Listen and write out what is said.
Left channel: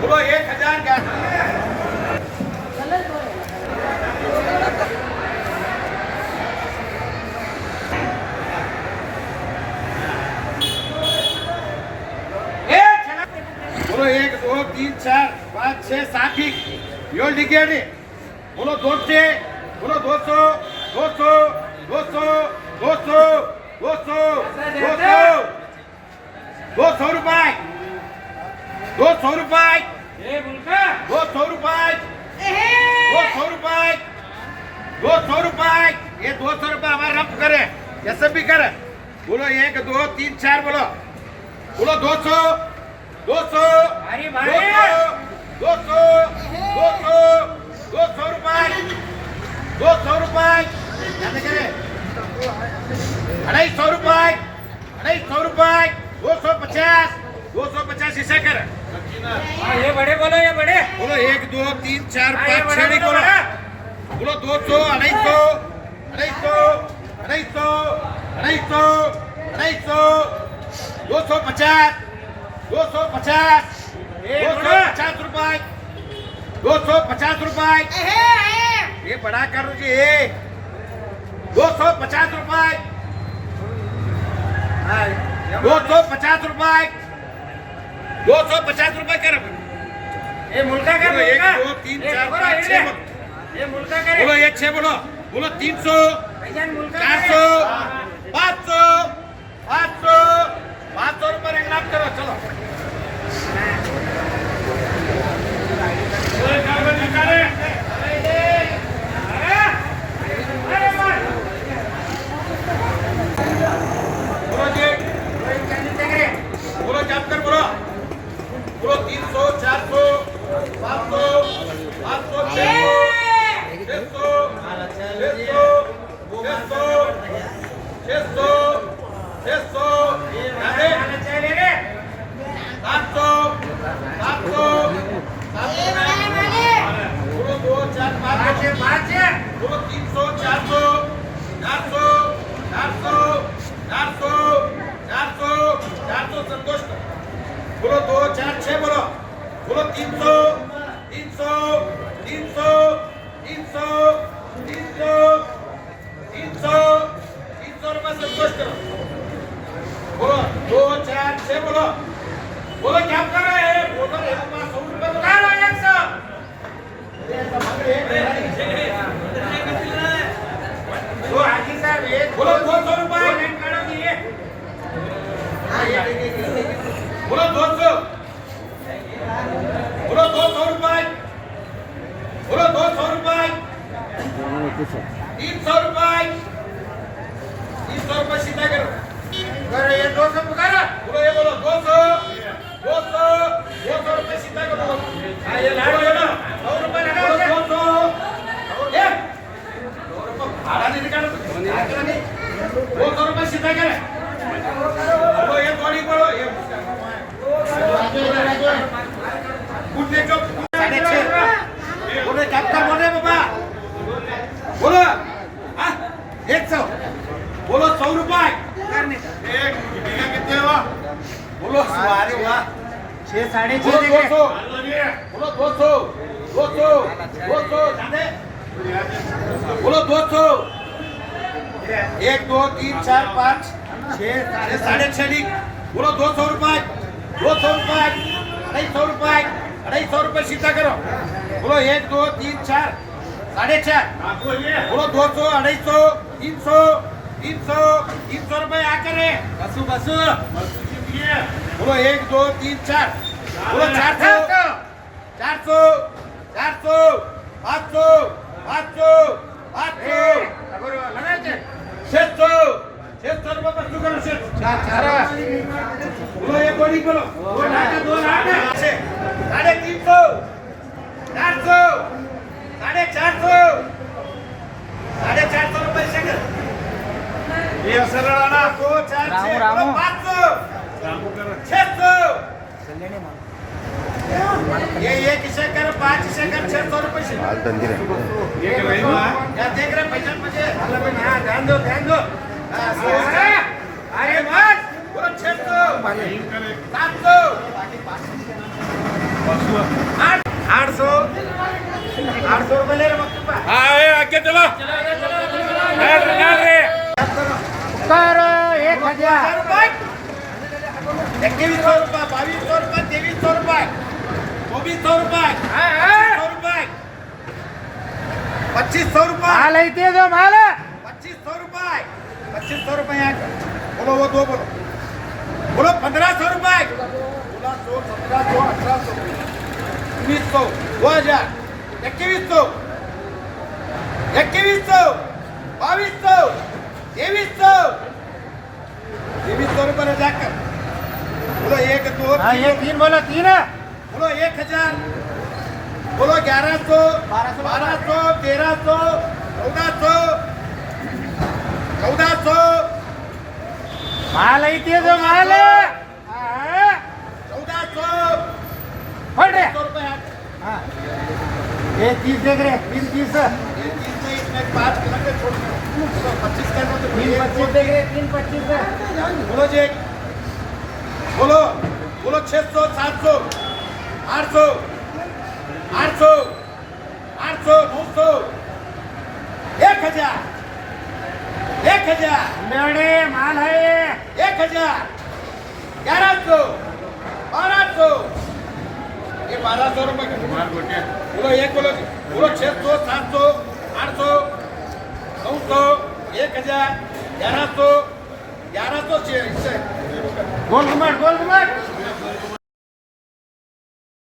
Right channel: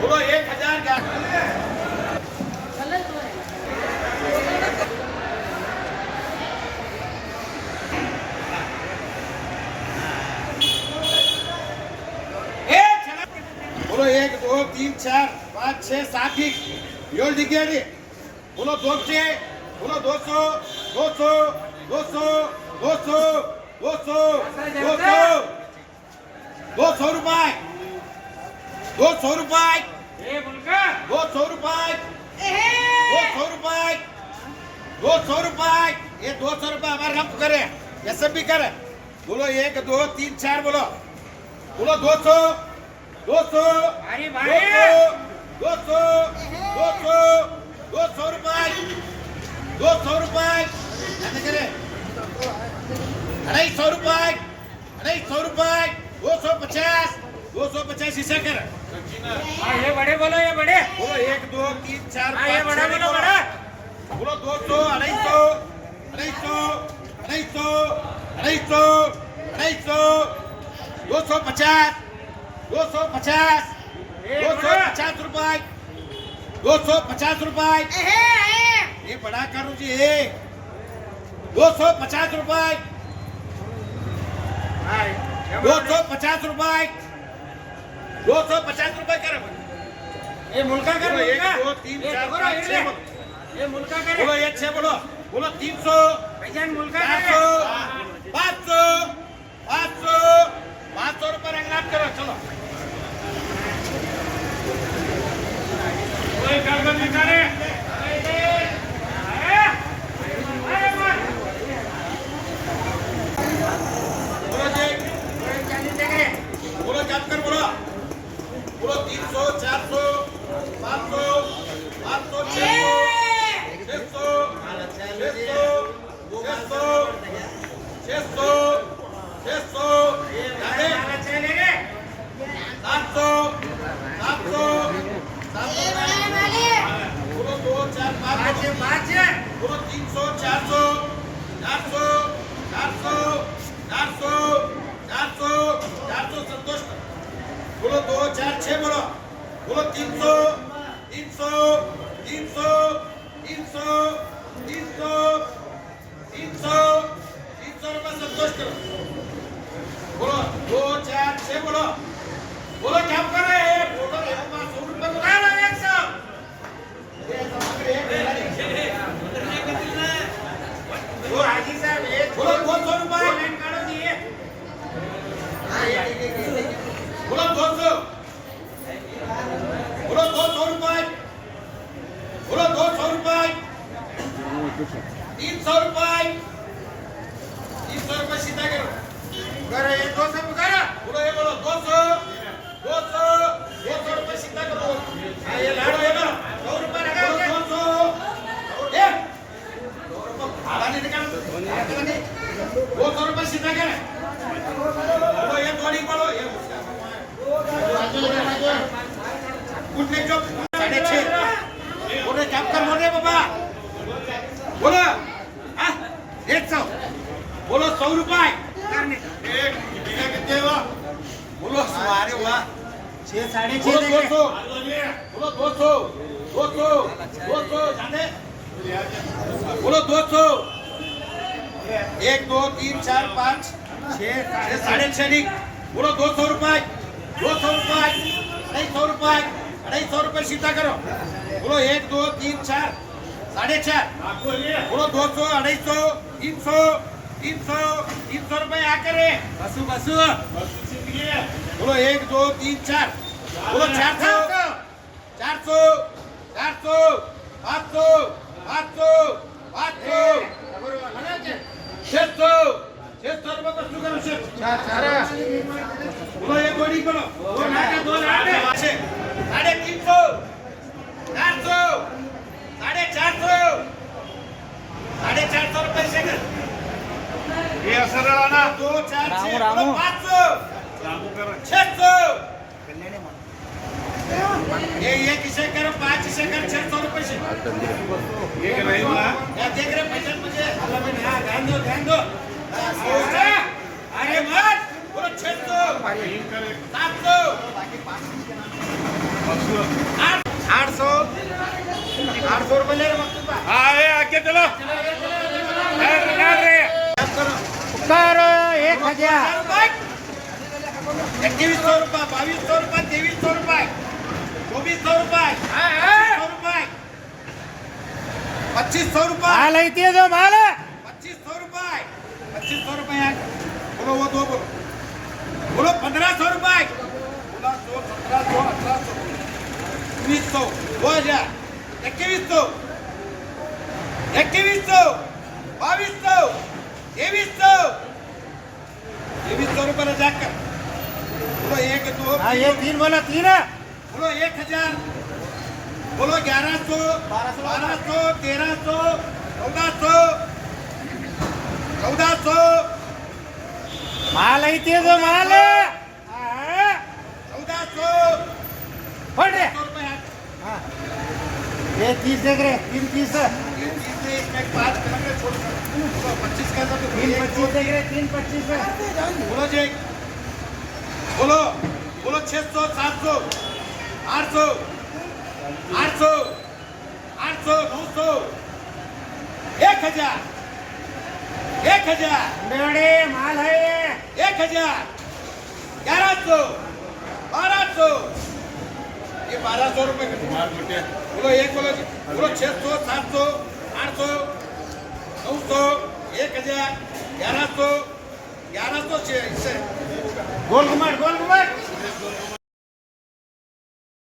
बोलो 1000 का बोलो 1 2 3 4 5 6 7 7 डिग्री बोलो 200 बोलो 200 200 200 200 200 200 रुपये 200 रुपये 200 रुपये 200 रुपये 200 रुपये ये 200 रुपये हमारे रब करे कैसे भी करे बोलो 1 2 3 4 बोलो बोलो 200 200 अरे भाई 200 200 200 रुपये 200 रुपये जाने करे 250 रुपये 250 रुपये 250 250 इसे कर ये बड़े बोलो ये बड़े बोलो 1 2 3 4 ये 5 बड़ा 6 बोलो बड़ा बोलो 200 250 रुपए 250 रुपए ये बड़ा करो जी 250 रुपए 250 रुपए 250 रुपए कर ये मुल्का कर मुल्का 1 2 3 4 5 6 ये मुल्का करे बोलो 1 6 बोलो बोलो 300 भाईजान मुल्का 400 500 500 रुपए रंगनाथ करो चलो बोलो जी बोलो क्या कर बोलो बोलो 300 400 500 500 600 संतोष बोलो 2 4 6 बोलो बोलो 300 300 300 300 300 300 300 रुपये संतोष करो बोलो 2 4 6 बोलो बोलो क्या कर रहे हैं बोलो 100 रुपये तो करो 100 वो हाजी साहब ये बोलो 200 रुपये करो दिए बोलो 200 बोलो 200 रुपये बोलो 200 रुपये 300 रुपये 300 रुपये सीधा करो करो ये 200 करो बोलो ये बोलो 200 200 रुपये सीधा करो ये बोलो ये बोलो 100 रुपए लगा 200 ये 2 रुपये भाड़ा नहीं निकालो 200 रुपये सीधा करे बोलो ये थोड़ी बोलो ये उठने जो 6.5 बोले जब कर बोल रहे बाबा बोलो 100 बोलो 100 रुपये कितने हुआ बोलो सवारे हुआ 6 6.5 बोलो 200 बोलो 200 200 200 जाने बोलो 200 1 2 3 4 5 6 6.5 बोलो 200 रुपये 200 रुपये 250 रुपये 250 रुपये सीधा करो बोलो 1 2 3 4 4.5 बोलो 200 250 300 300 300 रुपये आ करे बसु बसु बोलो 1 2 3 4 बोलो 400 400 400 500 500 500 600 600 रुपये बसु करो 600 बोलो ये गोली बोलो 2 लाख 350 400 450 450 रुपये सेकंड ये असर वाला 2 4 6 बोलो 500 600 ये किसे करो 5 से कर 600 रुपये से क्या देख रहे पैसा मुझे ध्यान दो अरे मत बोलो 600 700 2100 रुपये 2200 रुपये 2300 रुपये 2400 रुपये 2500 रुपये 2500 रुपये माल आहे ते जो माल 2500 रुपये 2500 रुपये यहाँ का। बोलो वो दो बोलो बोलो 1500 रुपये 1600 1700 1800 1900 2000 2100 2200 2300 रुपये जाकर बोलो 1 2 हाँ ये 3 बोलो 3 है बोलो 1000 बोलो 1100 1200 1300 1400 माल आहे ते जो माल 1400 फट रे रुपये हाँ। ये 30 देख रहे 3 30 इसमें 5 किलोमीटर छोड़ 25 का 3 25 देख रहे 3 25 है बोलो जी बोलो बोलो 600 700 800 800 800 900 1000 मेवड़े माल है 1000 1100 1200 ये 1200 रुपए का बोलो एक बोलो जी बोलो 600 700 800 900 1000 1100 1100 इससे गोल घुमट